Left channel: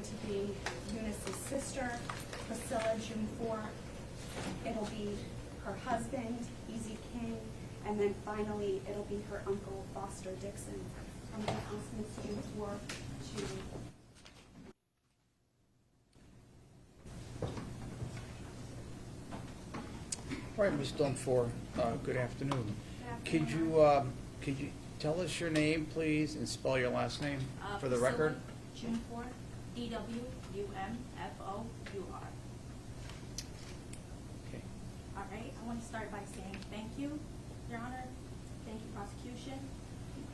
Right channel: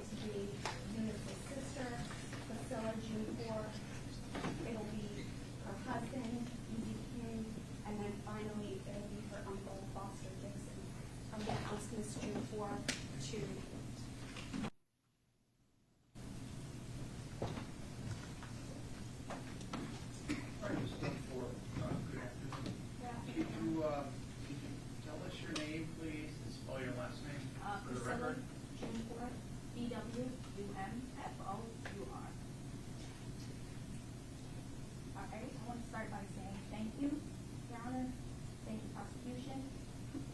going to be Eunice's sister, Priscilla Dwumfour. It will be her husband, Easy King, and then finally it'll be her uncle, Foster Dixon. I'm going to ask Ms. Dwumfour to. All right, Ms. Dwumfour, good afternoon. Could you tell us your name, please, and spell your last name for the record? Dwumfour, Dwumfour. Okay. All right, I want to start by saying thank you, Your Honor. Thank you, prosecution.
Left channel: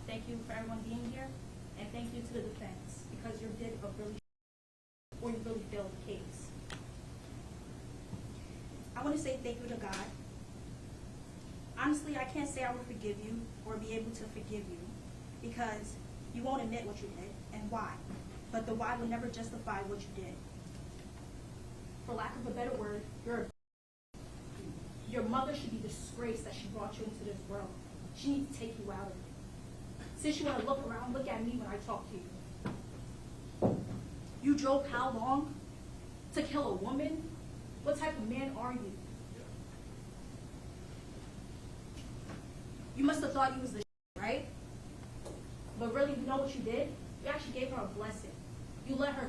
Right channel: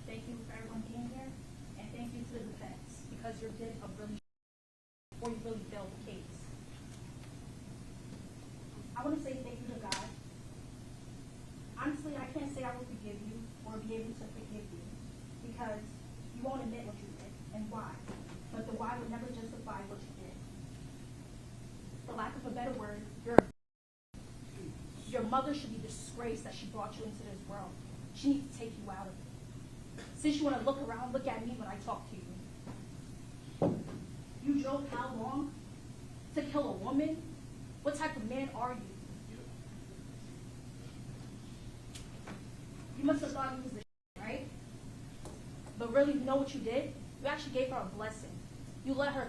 Thank you for everyone being here, and thank you to the defense because you did a really, or you really failed the case. I want to say thank you to God. Honestly, I can't say I will forgive you or be able to forgive you because you won't admit what you did and why. But the why would never justify what you did. For lack of a better word, your mother should be disgraced that she brought you into this world. She needs to take you out of it. Since you want to look around, look at me when I talk to you. You drove how long to kill a woman? What type of man are you? You must have thought you was the right? But really, you know what you did? You actually gave her a blessing. You let her,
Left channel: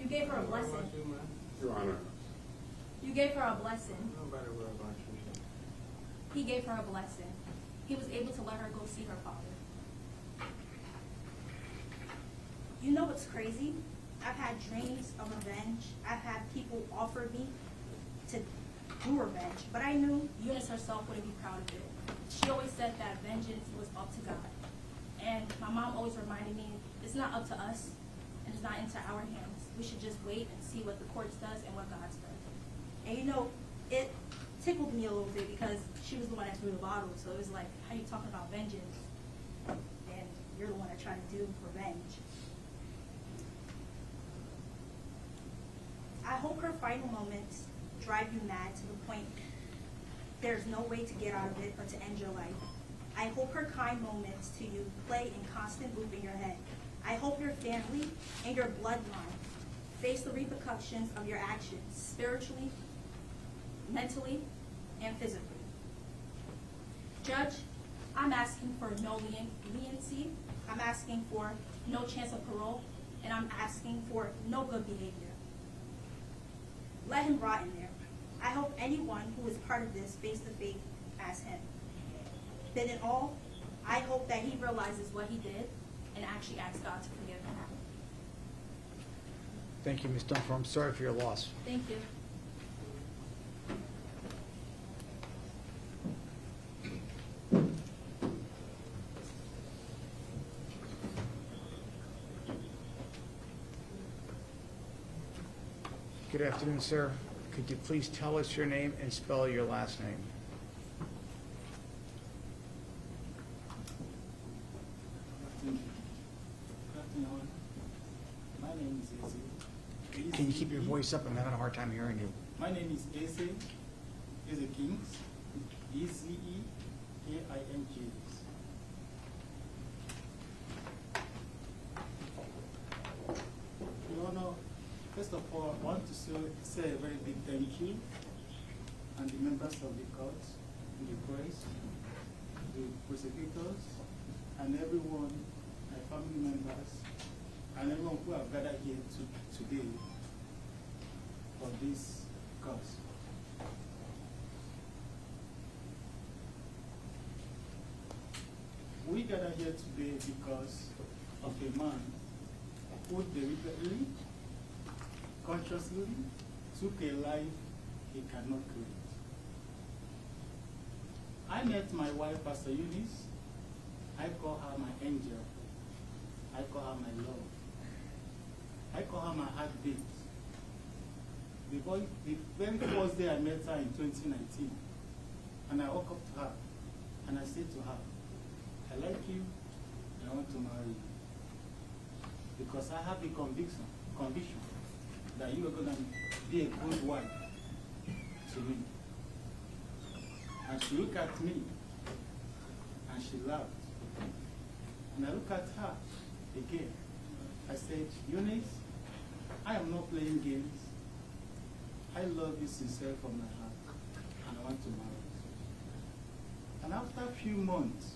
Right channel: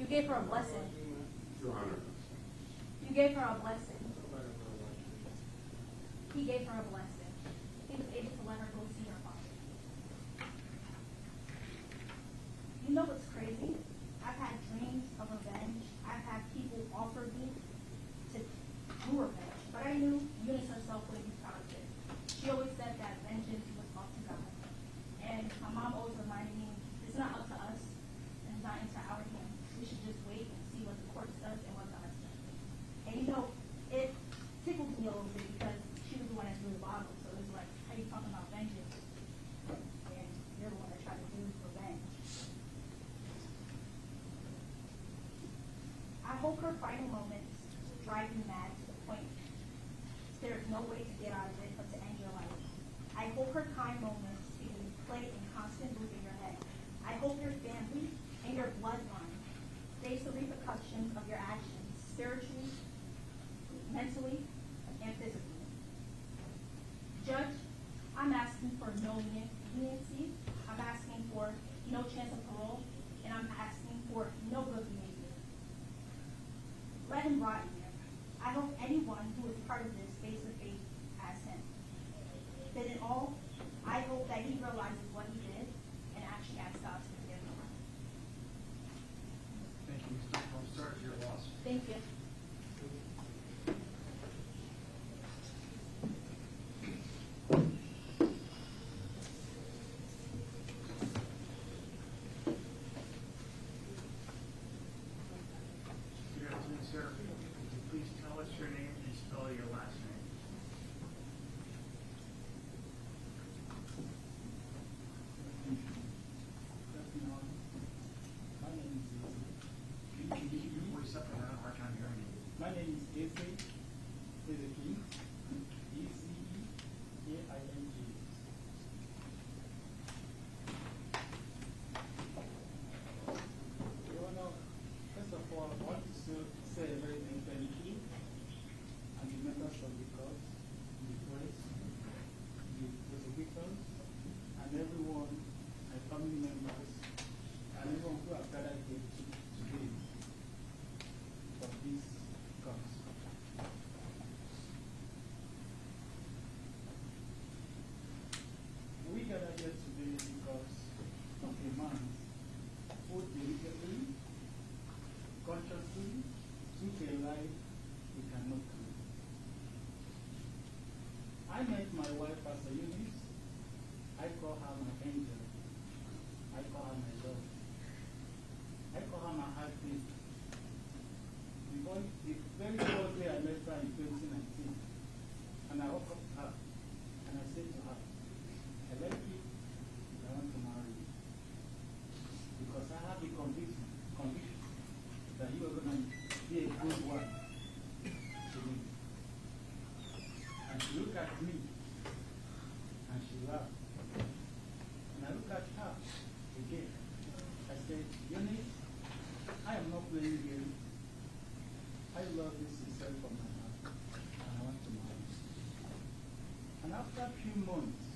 you gave her a blessing. Your Honor. You gave her a blessing. Nobody will about you. He gave her a blessing. He was able to let her go see her father. You know what's crazy? I've had dreams of revenge. I've had people offer me to do revenge, but I knew Eunice herself wouldn't be proud of it. She always said that vengeance was up to God. And my mom always reminded me, it's not up to us, and it's not into our hands. We should just wait and see what the courts does and what God's does. And you know, it tickled me a little bit because she was the one that threw the bottle, so it was like, how you talking about vengeance? And you're the one that tried to do revenge. I hope her final moments drive you mad to the point there's no way to get out of it but to end your life. I hope her kind moments to you play in constant loop in your head. I hope your family and your bloodline face the repercussions of your actions spiritually, mentally, and physically. Judge, I'm asking for no leniency. I'm asking for no chance of parole, and I'm asking for no good behavior. Let him rot in there. I hope anyone who is part of this face the fate as him. But in all, I hope that he realizes what he did and actually asks God to forgive him. Thank you, Ms. Dwumfour. I'm sorry for your loss. Thank you. Good afternoon, sir. Could you please tell us your name and spell your last name? My name is Eze. Can you keep your voice up? I'm having a hard time hearing you. My name is Eze King. EzeKings. Your Honor, first of all, I want to say a very big thank you and the members of the court, the press, the prosecutors, and everyone, my family members, and everyone who have gathered here today for this cause. We gather here today because of a man who deliberately, consciously took a life he cannot create. I met my wife, Pastor Eunice. I call her my angel. I call her my love. I call her my heartbeat. The very first day I met her in 2019, and I woke up to her, and I said to her, I like you, and I want to marry you. Because I have the conviction that you are going to be a good wife to me. And she looked at me, and she laughed. And I look at her again, I said, Eunice, I am not playing games. I love you sincerely from my heart, and I want to marry you. And after a few months,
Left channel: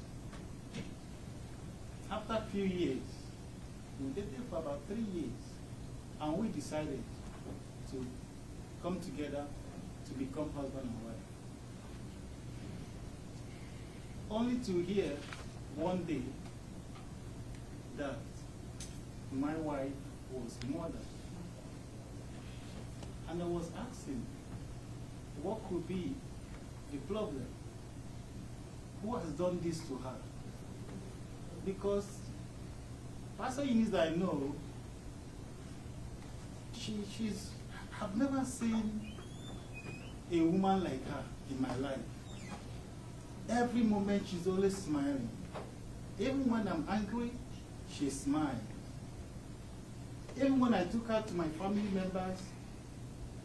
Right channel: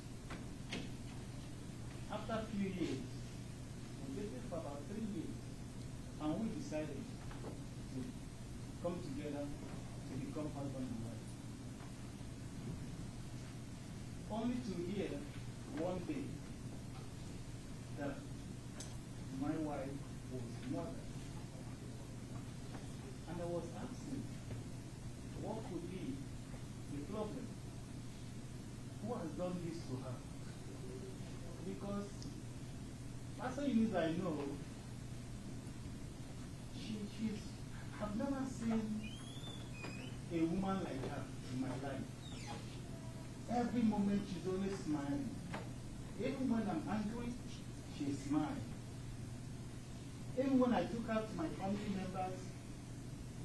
after a few years, we dated for about 3 years, and we decided to come together to become husband and wife. Only to hear one day that my wife was murdered. And I was asking, what could be the problem? Who has done this to her? Because Pastor Eunice that I know, I've never seen a woman like her in my life. Every moment she's always smiling. Even when I'm angry, she smiles. Even when I took her to my family members,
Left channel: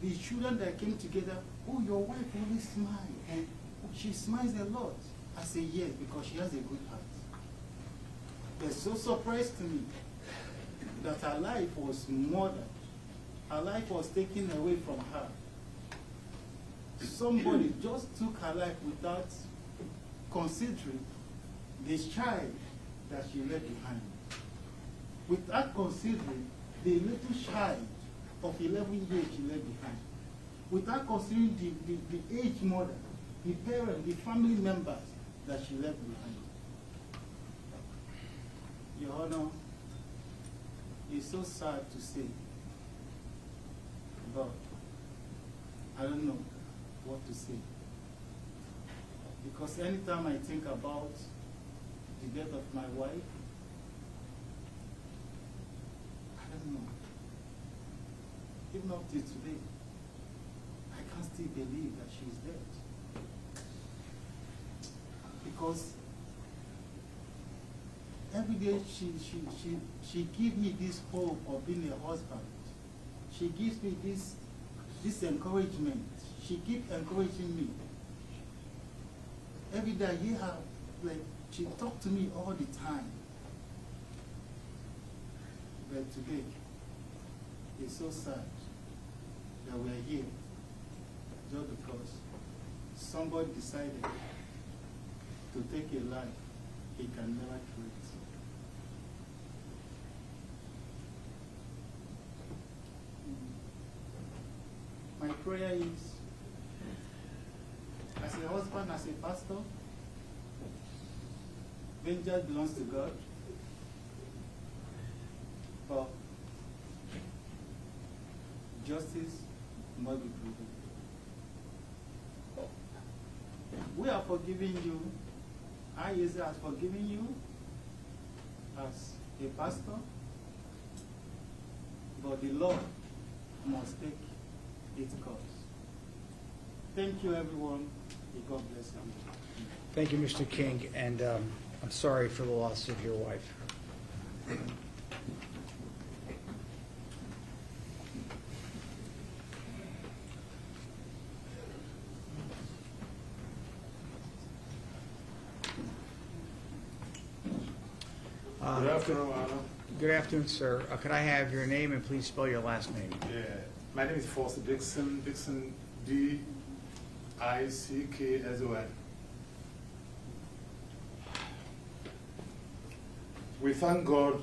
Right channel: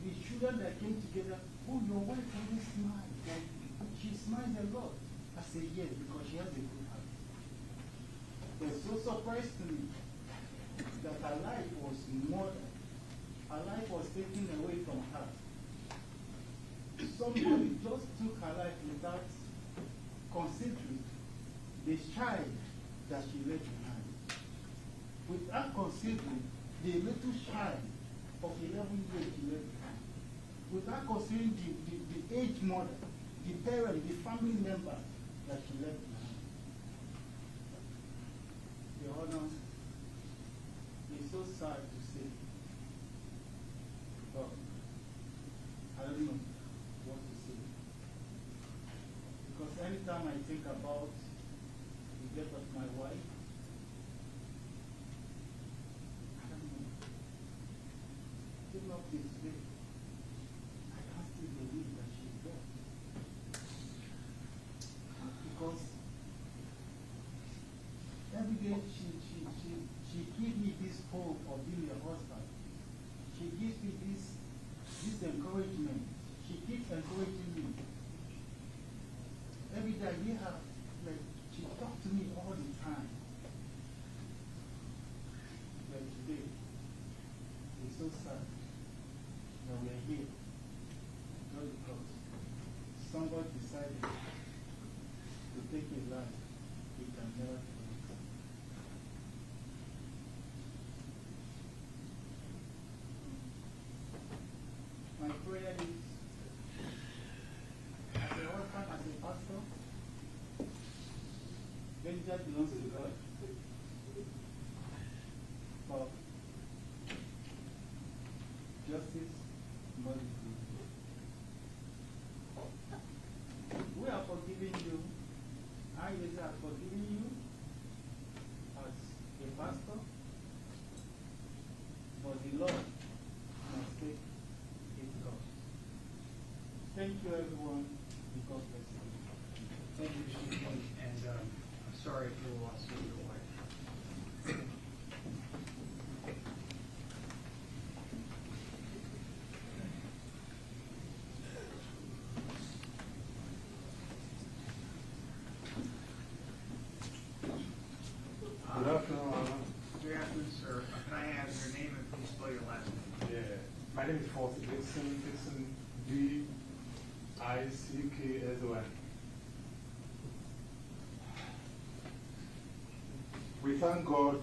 the children that came together, oh, your wife always smiles. And she smiles a lot. I say yes, because she has a good heart. They're so surprised to me that her life was murdered. Her life was taken away from her. Somebody just took her life without considering the child that she left behind. Without considering the little child of 11 years she left behind. Without considering the aged mother, the parents, the family members that she left behind. Your Honor, it's so sad to say, but I don't know what to say. Because anytime I think about the death of my wife, I don't know. Even up to today, I can't still believe that she is dead. Because every day she gives me this hope of being a husband. She gives me this encouragement. She keeps encouraging me. Every day I hear her, like, she talks to me all the time. But today, it's so sad that we're here just because somebody decided to take a life he can never create. My prayer is, as a husband, as a pastor, vengeance belongs to God. But justice must be provided. We are forgiving you. I, Yeze, has forgiven you as a pastor. But the law must take its course. Thank you, everyone. May God bless you. Thank you, Mr. King, and I'm sorry for the loss of your wife. Good afternoon, Honor. Good afternoon, sir. Could I have your name and please spell your last name? Yeah, my name is Foster Dixon. Dixon, D-I-C-K-S-O-N. We thank God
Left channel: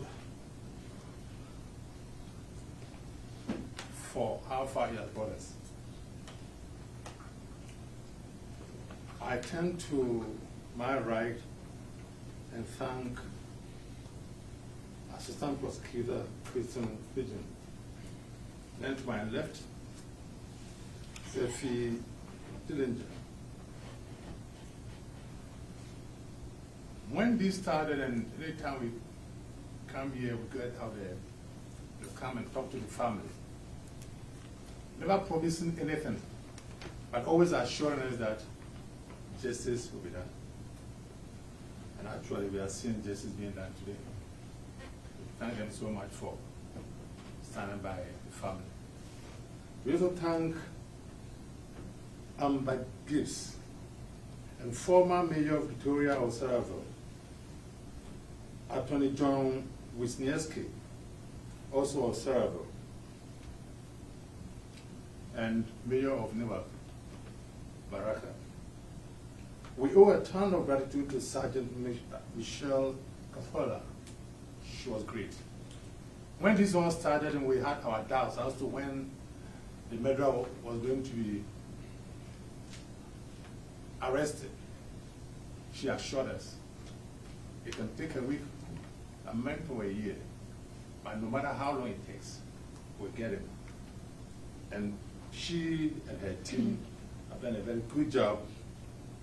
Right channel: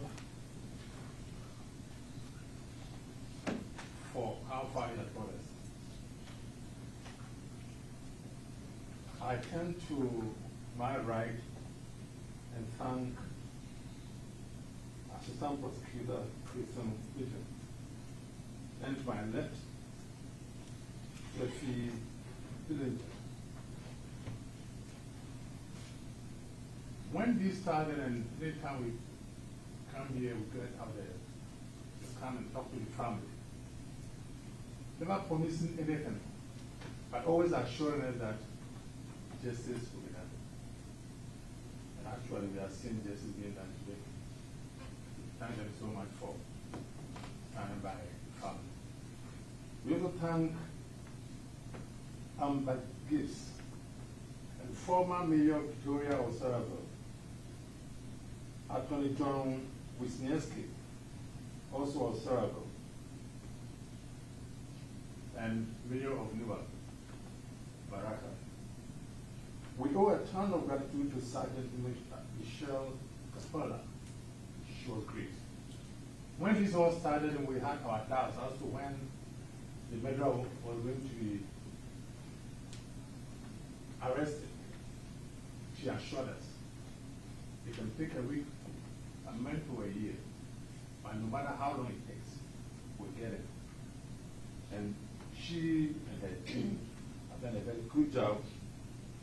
for how far He has brought us. I turn to my right and thank Assistant Prosecutor Christian Pigeon. Then to my left, Sophie Dillinger. When this started, and every time we come here, we get out there to come and talk to the family. Never promising anything, but always assuring us that justice will be done. And actually, we are seeing justice being done today. Thank them so much for standing by the family. We also thank Amber Gibbs and former Mayor of Victoria Osaraville, Attorney John Wisniewski, also of Cerebral, and Mayor of Newark, Baraka. We owe a ton of gratitude to Sergeant Michelle Capola. She was great. When this all started and we had our doubts as to when the murderer was going to be arrested, she assured us it can take a week, a month, or a year, but no matter how long it takes, we'll get it. And she and her team have done a very good job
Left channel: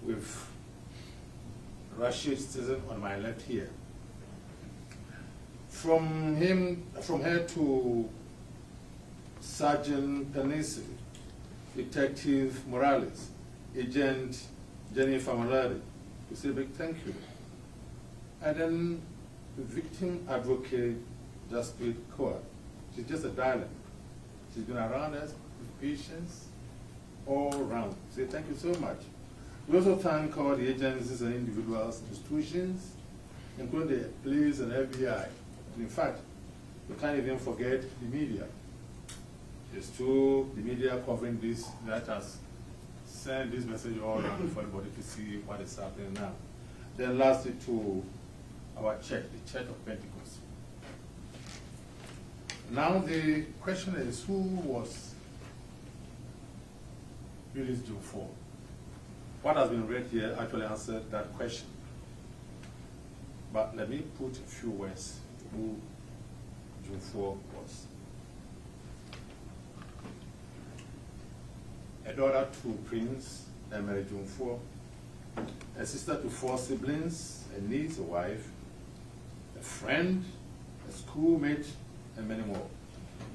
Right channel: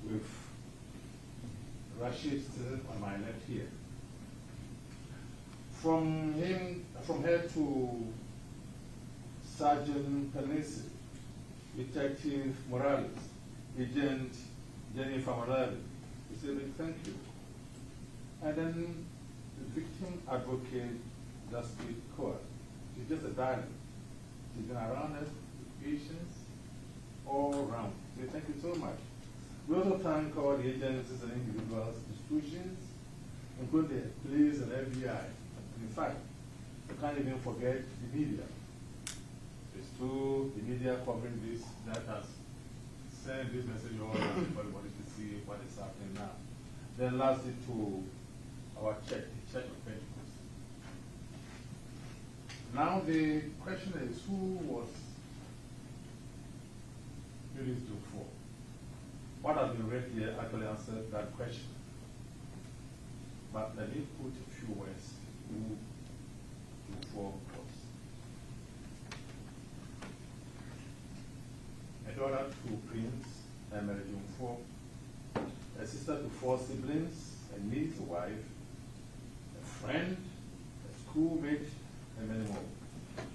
with Rashid sitting on my left here. From her to Sergeant Tanisi, Detective Morales, Agent Jenny Famalari, we say big thank you. And then the victim advocate, Jasprit Kaur. She's just a darling. She's been around us with patience all around. Say thank you so much. We also thank all the agencies and individuals, institutions, including the police and FBI. And in fact, we can't even forget the media. It's true, the media covering this, that has sent this message all around for everybody to see what is happening now. Then lastly to our church, the Church of Pentecost. Now the question is, who was Eunice Dwumfour? What has been read here actually answered that question. But let me put a few words who Dwumfour was. A daughter to Prince Emery Dwumfour, a sister to 4 siblings, a niece, a wife, a friend, a schoolmate, and many more.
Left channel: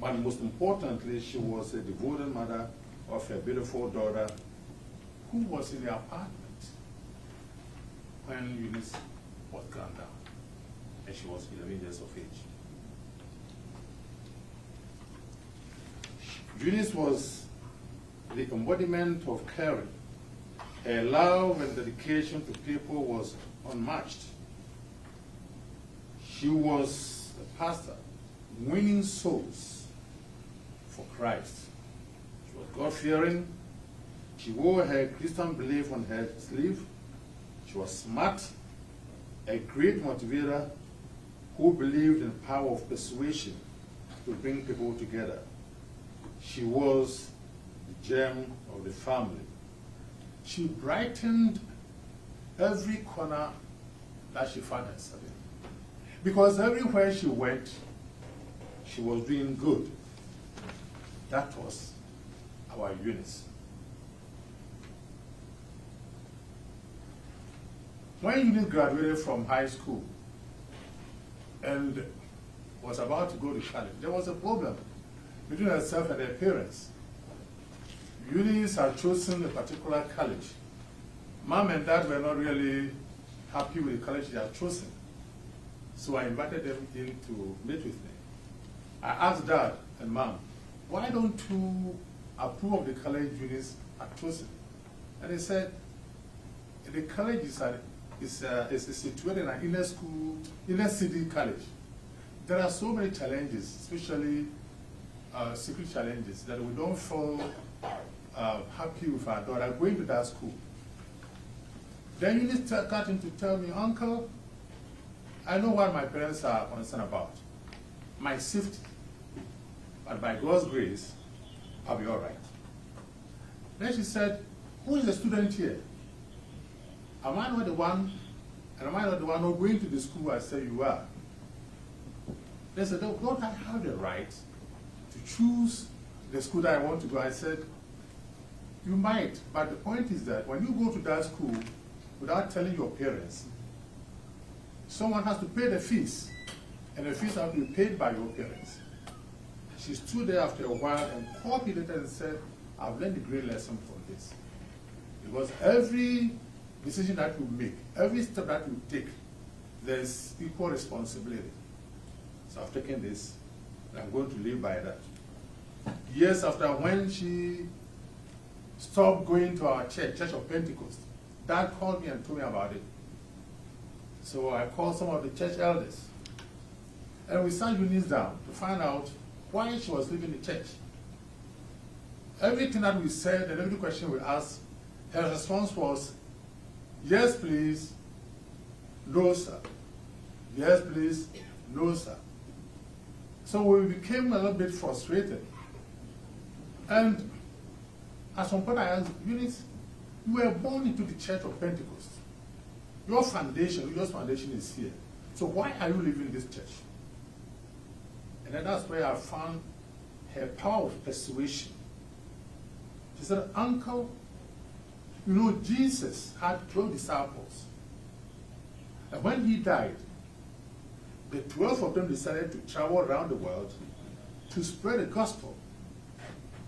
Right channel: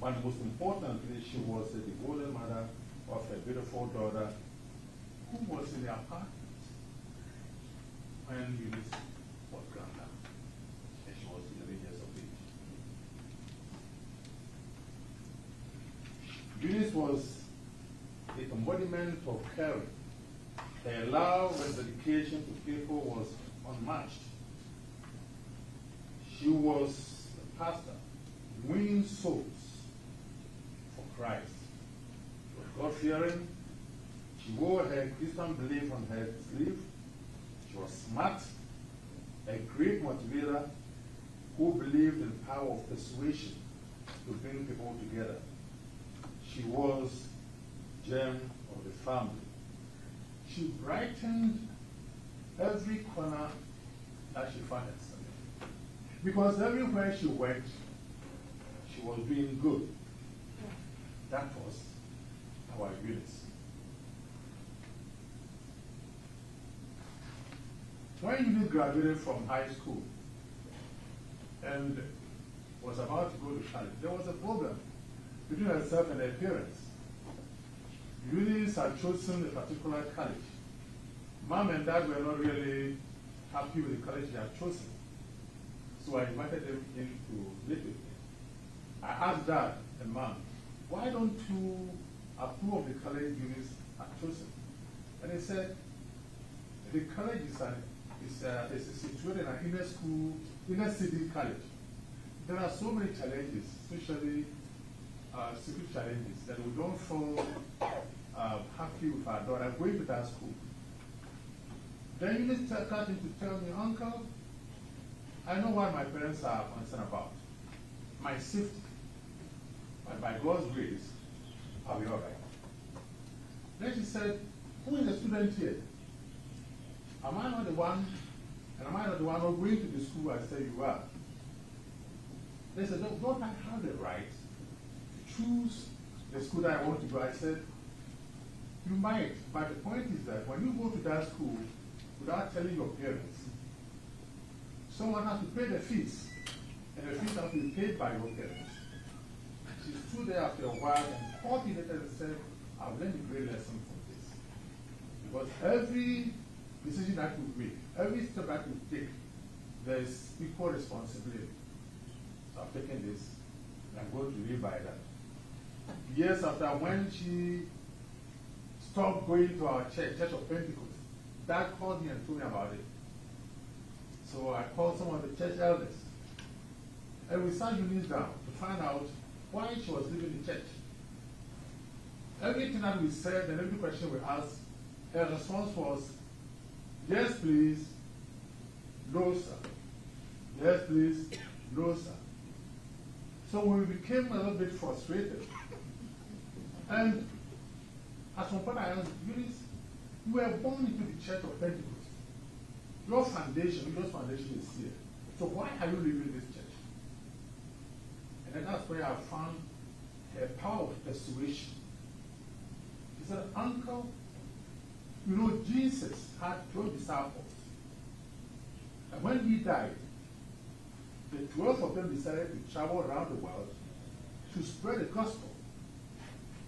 But most importantly, she was a devoted mother of a beautiful daughter who was in the apartment when Eunice was gunned down, and she was 11 years of age. Eunice was the embodiment of caring. Her love and dedication to people was unmatched. She was a pastor, winning souls for Christ. She was God-fearing. She wore her Christian belief on her sleeve. She was smart, a great motivator who believed in the power of persuasion to bring people together. She was the gem of the family. She brightened every corner that she found herself in. Because everywhere she went, she was doing good. That was our Eunice. When Eunice graduated from high school and was about to go to college, there was a problem between herself and her parents. Eunice had chosen a particular college. Mom and dad were not really happy with the college they had chosen. So I invited them in to meet with me. I asked Dad and Mom, why don't you approve of the college Eunice had chosen? And they said, the college is situated in an inner city college. There are so many challenges, especially security challenges, that we don't feel happy with our daughter going to that school. Then Eunice got in to tell me, Uncle, I know what my parents are concerned about, my safety. But by God's grace, I'll be all right. Then she said, who is the student here? Am I not the one, and am I not the one who's going to the school I said you are? They said, don't I have the right to choose the school that I want to go? I said, you might, but the point is that when you go to that school without telling your parents, someone has to pay the fees, and the fees have to be paid by your parents. She stood there after a while and called me later and said, I've learned a great lesson from this. Because every decision that you make, every step that you take, there's equal responsibility. So I've taken this, and I'm going to live by that. Years after, when she stopped going to our church, Church of Pentecost, Dad called me and told me about it. So I called some of the church elders. And we sat Eunice down to find out why she was leaving the church. Everything that we said and every question we asked, her response was, yes, please, no, sir. Yes, please, no, sir. So we became a little bit frustrated. And at some point I asked, Eunice, you were born into the Church of Pentecost. Your foundation is here. So why are you leaving this church? And then that's where I found her power of persuasion. She said, Uncle, you know, Jesus had 12 disciples. And when he died, the 12 of them decided to travel around the world to spread the gospel.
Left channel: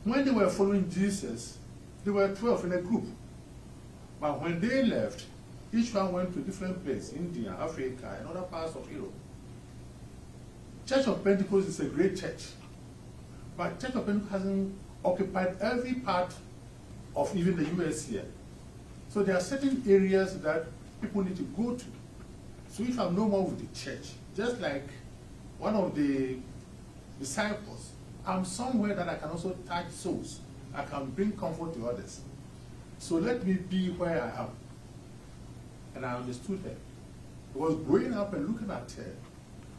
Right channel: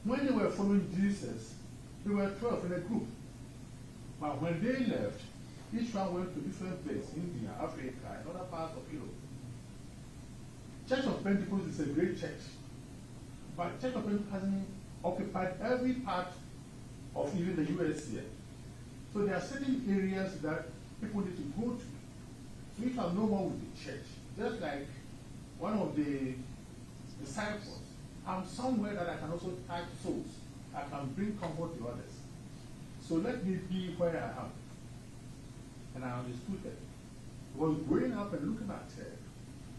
When they were following Jesus, they were 12 in a group. But when they left, each one went to different places, India, Africa, and other parts of Europe. Church of Pentecost is a great church. But Church of Pentecost hasn't occupied every part of even the US here. So there are certain areas that people need to go to. So if I'm no more with the church, just like one of the disciples, I'm somewhere that I can also touch souls. I can bring comfort to others. So let me be where I am. And I understood her. I was growing up and looking at her.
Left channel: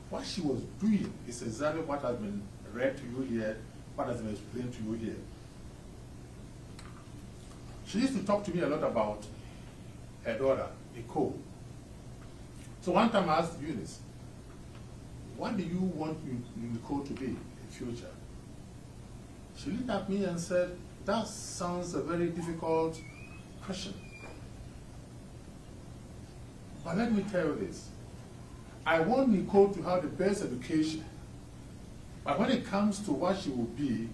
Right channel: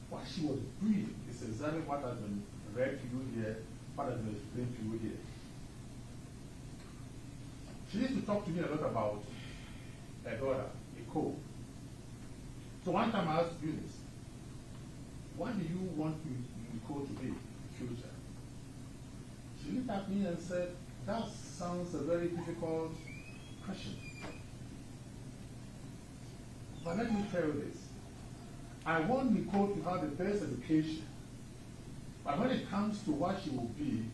What she was doing is exactly what has been read to you here, what has been explained to you here. She used to talk to me a lot about her daughter, Nicole. So one time I asked Eunice, what do you want Nicole to be in the future? She looked at me and said, that sounds a very difficult question. But let me tell you this. I want Nicole to have the best education. But when it comes to what she will be,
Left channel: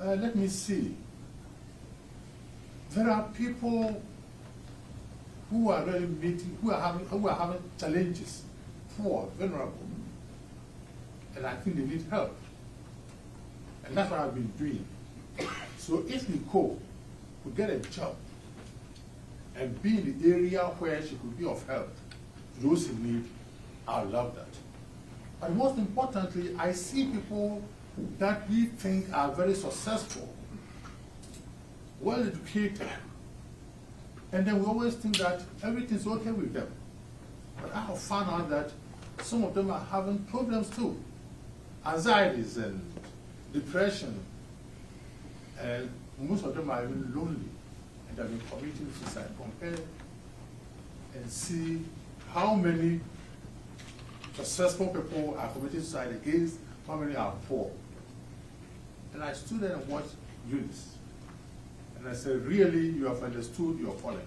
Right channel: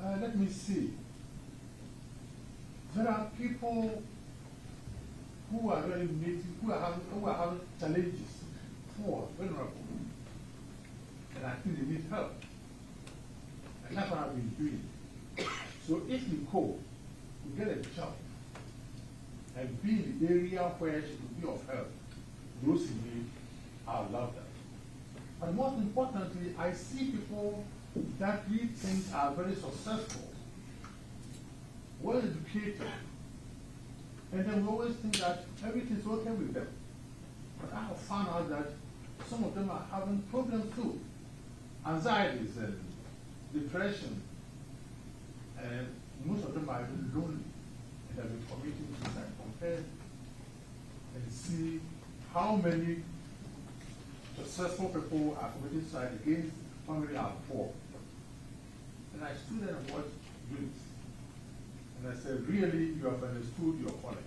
let me see. There are people who are really meeting, who are having challenges, poor, vulnerable. And I think they need help. And that's what I've been doing. So if Nicole could get a job and be in the area where she could be of help to those in need, I love that. But most importantly, I see people that we think are very successful, well educated, and then we always think that everything's okay with them. But I have found out that some of them are having problems too. Anxieties and depression, and most of them are even lonely, and they've been committing suicide. Compare and see how many successful people are committing suicide against how many are poor. And I stood there and watched Eunice. And I said, really, you have understood your calling.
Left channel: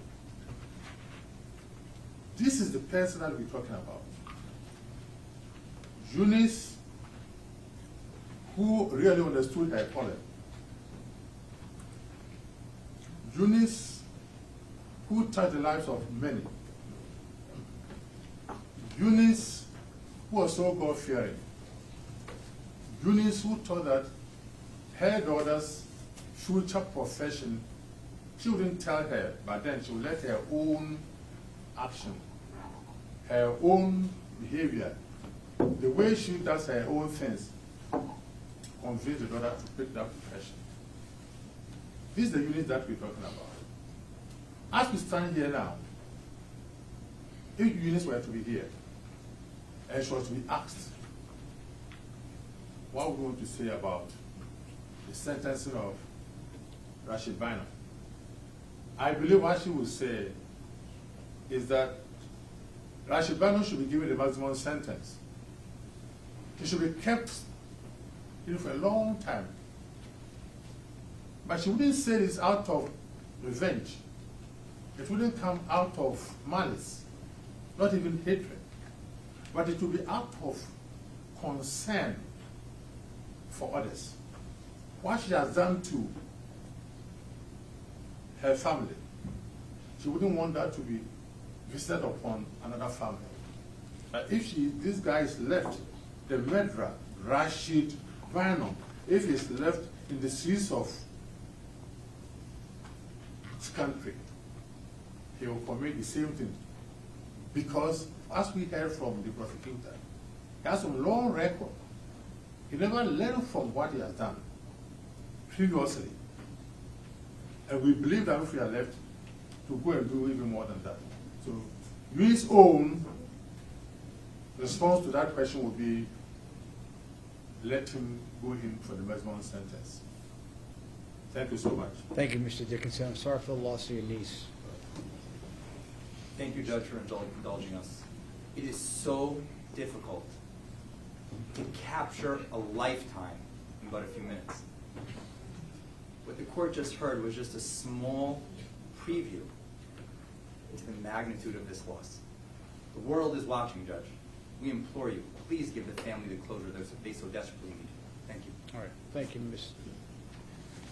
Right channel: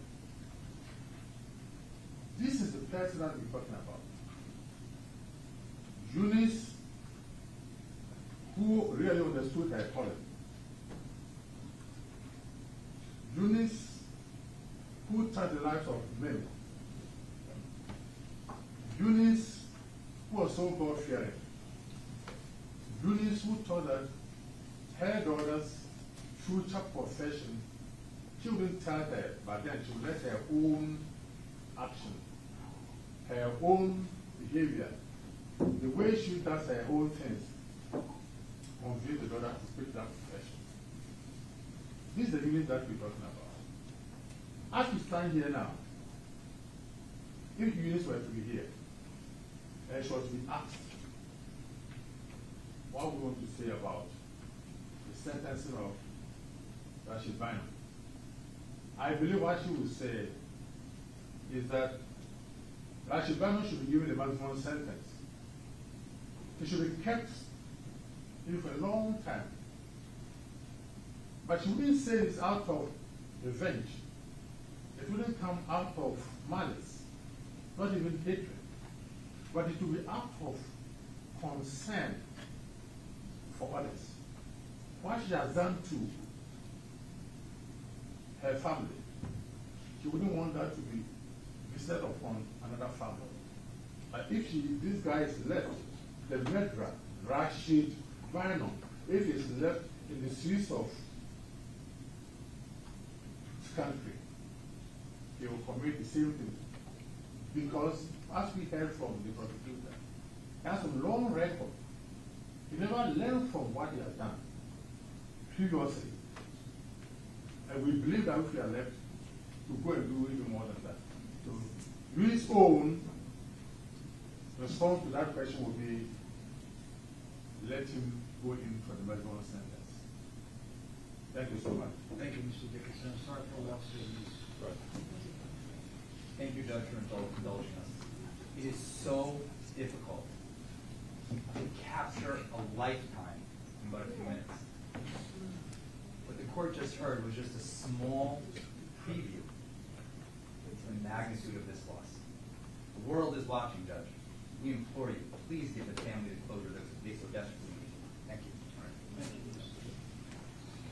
This is the person that we're talking about. Eunice, who really understood her calling. Eunice, who touched the lives of many. Eunice, who was so God-fearing. Eunice, who thought that her daughter's future profession, she wouldn't tell her, but then she would let her own action, her own behavior, the way she does her own things, convince the daughter to pick that profession. This is the unit that we're talking about. As we stand here now, if Eunice were to be here, and she was to be asked what we want to say about the sentencing of Rashid Bynum, I believe what she would say is that Rashid Bynum should be given the maximum sentence. He should be kept in for a long time. But she wouldn't say this out of revenge. It wouldn't come out of malice, not even hatred. But it would be out of concern for others. What she has done to her family, she wouldn't want that to be visited upon another family. But if this guy is left, the murderer, Rashid Bynum, if he's left in the streets of this country, he will commit the same thing. Because, as we heard from the prosecutor, He has a long record. He never learned from what he has done previously. And we believe that if we are left to go and do even more than that. So his own response to that question would be, let him go in for the maximum sentence. Thank you so much. Thank you, Mr. Dickinson. I'm sorry for the loss of your niece. Thank you, Judge, for indulging us. It is so difficult to capture a lifetime in but a few minutes. What the court just heard was just a small preview into the magnitude of this loss. The world is watching, Judge. We implore you, please give the family the closure that they so desperately need. Thank you. All right. Thank you, Ms.